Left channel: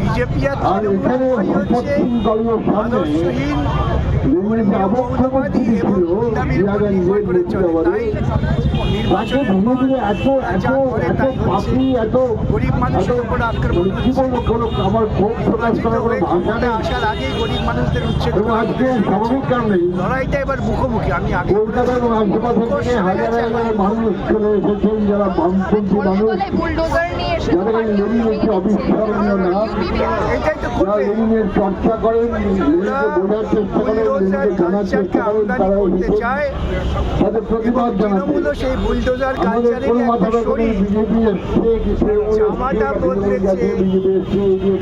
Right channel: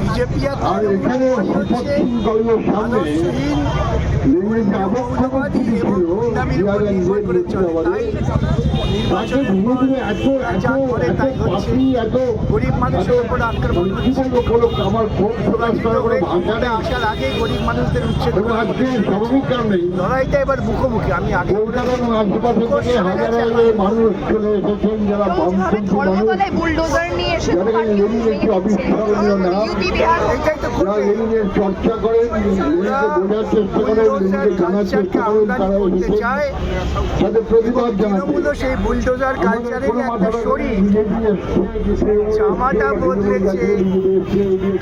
BJP আর তৃণমূল হচ্ছে আদর্শহীন, ধর্মীয় মৌলবাদী এবং গুন্ডামির উপর নির্ভর করে চলে। তাই নির্বাচনের পর ওরা যা করে তাই হচ্ছে, গরিব মানুষের উপর আক্রমণ হচ্ছে। নির্বাচিত হয়ে ক্ষমতায় আসার আগেই গরিব মানুষদের উচ্ছেদ করা হচ্ছে। লড়াইটা এবার মুখোমুখি। আমি আগে এইটাই তো করবে। বুলডোজার কালচারকে আমদানি করতে চায় এবং তৃণমূলও সেই বুলডোজার কালচারেরই একটা শরীর। জামাটা বদলেছে,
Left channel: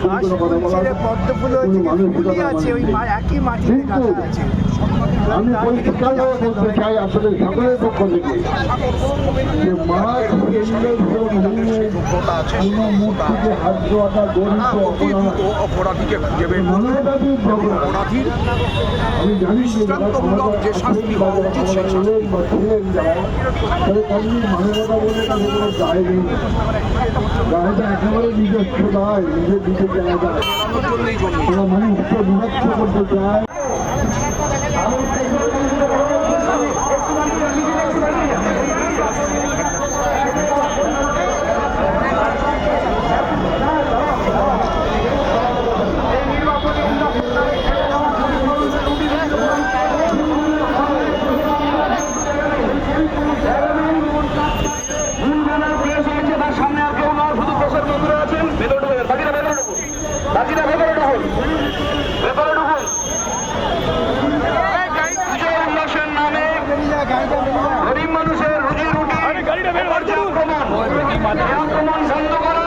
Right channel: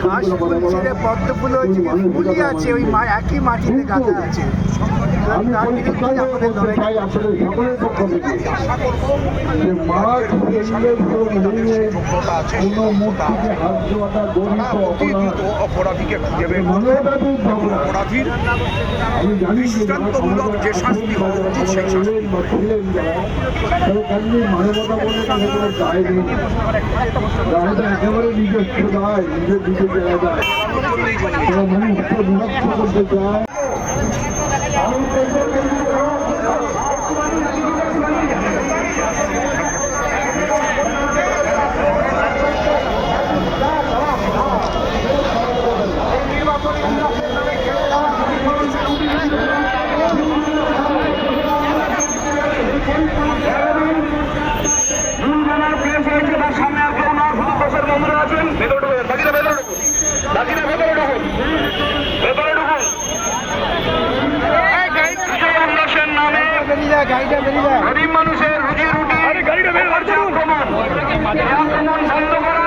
ঘাস ফুল ছেড়ে পদ্ম ফুল হয়েছে, ফুলই আছে, ওই একই মাটিতে গাঁথা আছে। তার বিরুদ্ধে আমাদের লড়াই। অপরাধীকে খুঁজে বের করবে এবং অপরাধীর দৃষ্টান্তমূলক যে শাস্তি হওয়া উচিত সেই শাস্তি একেবারে নিজস্ব নয়, নিজের দিকে জায়গায় মানুষকে বিভক্ত করতে চায়। গরিব মানুষের রুজি রুটি আক্রমণ বন্ধ করা,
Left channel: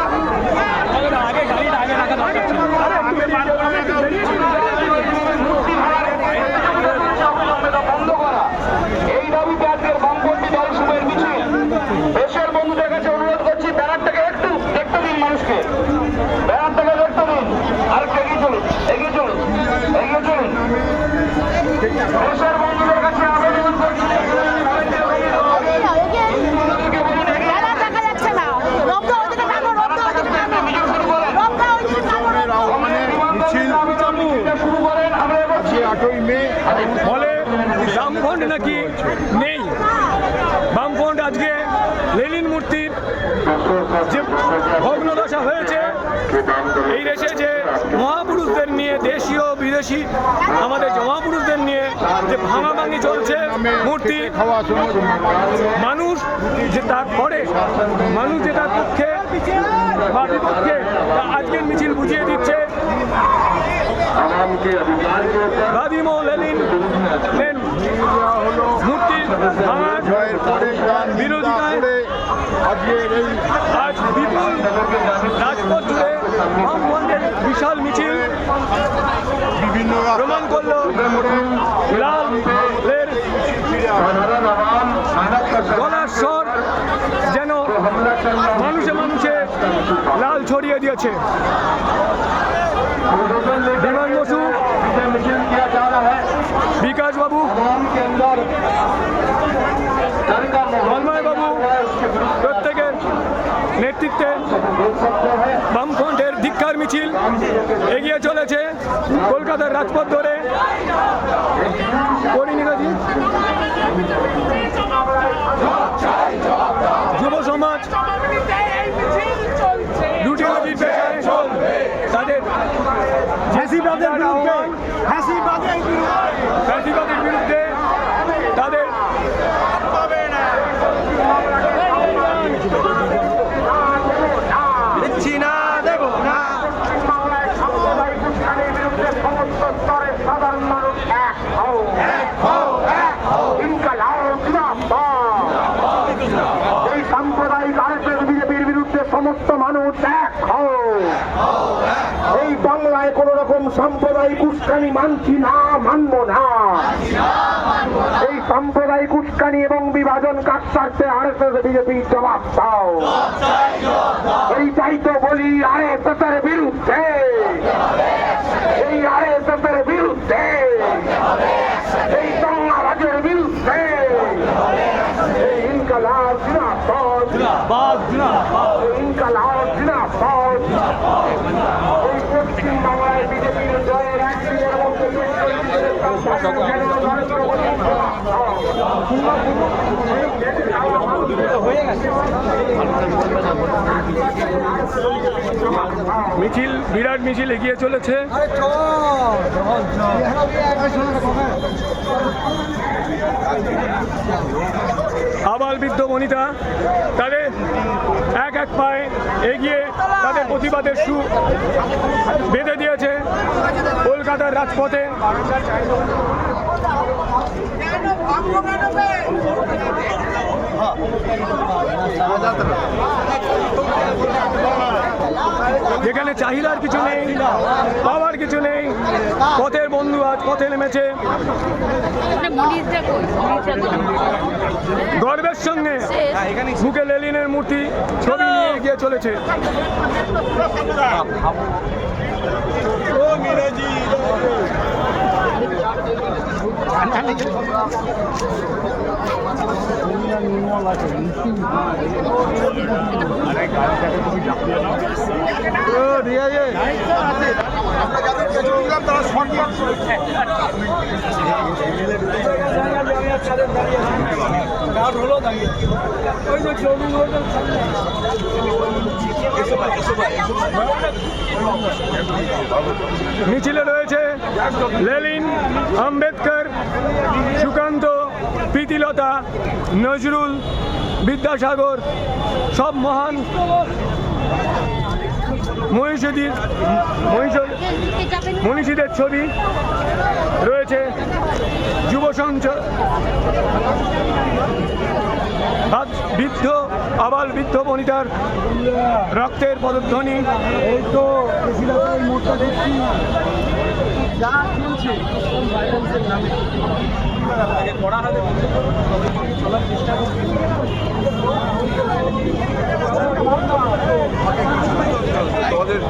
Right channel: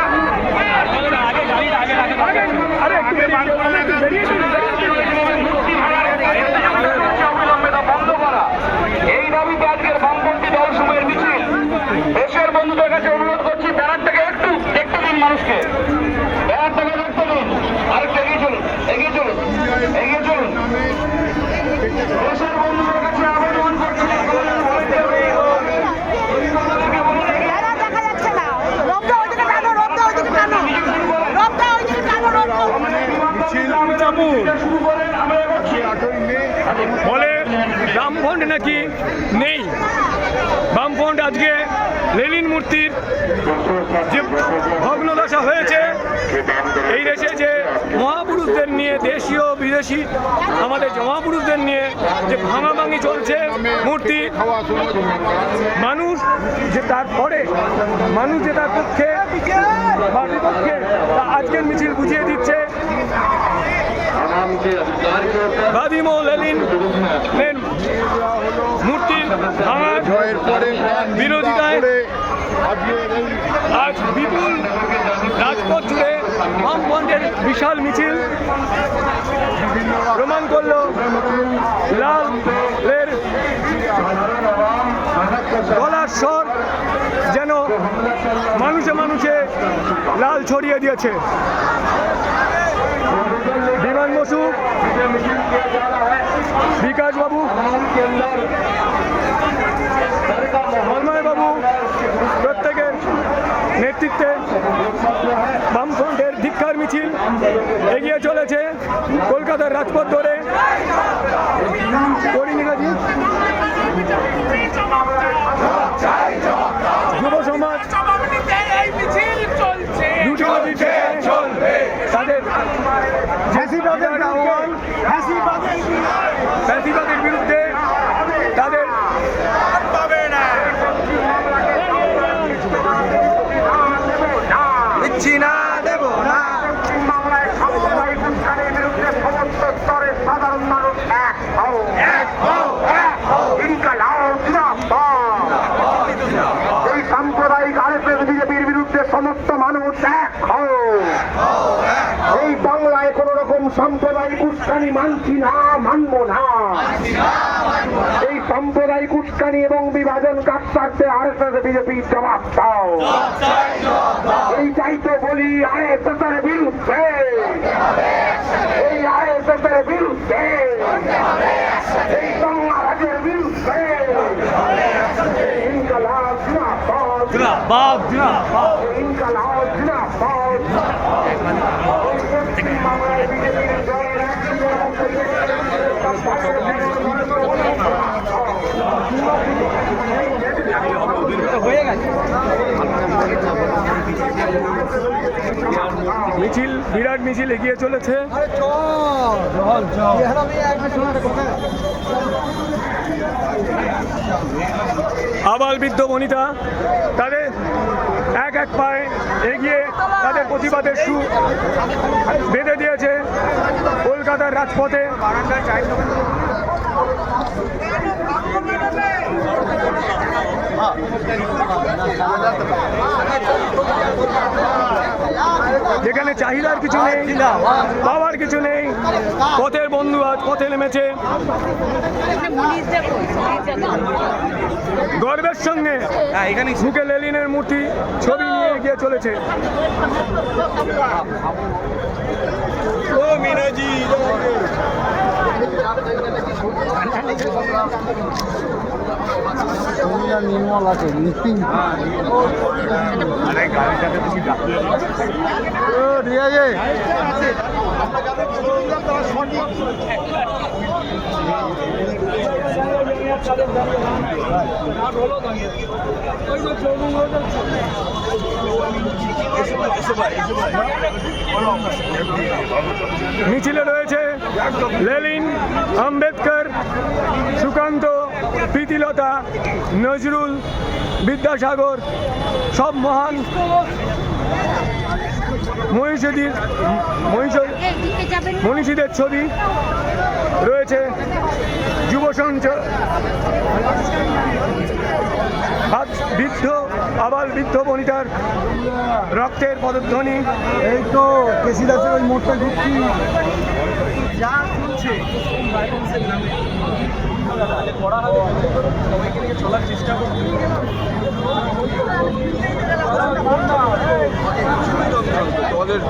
বন্ধ করা, এই দাবিতে আজকের বামপন্থী দলসমূহের মিছিল। দেশের বন্ধুদের কাছে অনুরোধ করছি, ব্যানার থেকে একটু দেখতে দিন মানুষকে, ব্যানার থেকে দেখতে দিন। আরেকটু এগিয়ে চলুন, এগিয়ে চলুন, এগিয়ে চলুন। দেশের বন্ধুদের কাছে আবেদন করছি, বলে বামফ্রন্ট নাকি নেই। বামফ্রন্ট আজকে লেনিন মূর্তির যে ভগ্নদশা হয়েছে, এই দেশে যে মহাপুরুষদের নিয়ে, দেশীয় বিদেশি আমাদের যে মহাপুরুষদের নিয়ে যে ভাঙাভাঙি চলছে মূর্তি, মানুষ যে তারপরে মানুষ যে তার পক্ষে বা বিপক্ষে তা আজকের মিছিল বুঝিয়ে দিচ্ছে। ভাদিম ও লেনিন মূর্তি ভাঙার বিরোধিতায় আজ বিপুল রাজপথ জুড়ে বামফ্রন্টের বিশাল মিছিল প্রমাণ করল লালের গলার স্বর যেন মানুষে মানুষে লাল ছড়িয়ে দিয়েছে। বিমান বসু, বিকাশ বাবু, তন্ময় বাবু প্রত্যেকের নেতৃত্বে বামফ্রন্টের ধিক্কার মিছিল এগিয়ে চলেছে কলকাতার রাজপথ ধরে। যুব সমাজ তাদের ফ্যাসিবাদের বিরুদ্ধে তাদের দিচ্ছি না, দেব না। বাংলায় সাম্প্রদায়িক উত্থানের বিরুদ্ধে সমস্ত স্তরের সাধারণ মানুষ এক হও, ইনকালাব জিন্দাবাদ। এই সাম্প্রদায়িক আরএসএস বিজেপির বিরুদ্ধে সমস্ত মানুষ এক হও। এই বাংলায় কোন রকম সাম্প্রদায়িক উস্কানি মানছি না, মানব না। এই সাম্প্রদায়িক উস্কানি এবং বিভাজন কাটতে আরএসএস বিজেপি জবাব দাও। এইটাই তো বলি আরএসএস এর বিরুদ্ধে, এই আরএসএস এর বিরুদ্ধে, এই বাংলাদেশের বিরুদ্ধে ইনকালাব জিন্দাবাদ, ইনকালাব জিন্দাবাদ। মিছিল, বিরাট মিছিল এগিয়ে চলেছে। আবাল বৃদ্ধ বনিতা তাদের এক এক পায়ে এগিয়ে তাদের প্রতিবাদের সুর বেঁধে দিয়েছে কলকাতার রাজপথে। যেখানে চাহিদার কিছু নেই, পাওয়ার কিছু নেই, পথের বন্ধু আজ পথে নেমেছে গর্বের সঙ্গে বুকে লেনিনের মূর্তি ছবি নিয়ে এগিয়ে চলেছে। মিছিলে রয়েছে লেনিন, আম্বেদকর, সুকান্ত, প্রীতিলতা, নজরুল, বিদ্যাসাগর, সব মহান মনীষীদের ছবি রয়েছে। যুব সঞ্চয় বৃদ্ধ আবাল বৃদ্ধ বনিতার রক্তের পদধ্বনি। এই তো কেশিদাসের মোড়টা ঘুরছি যা চলছে দলের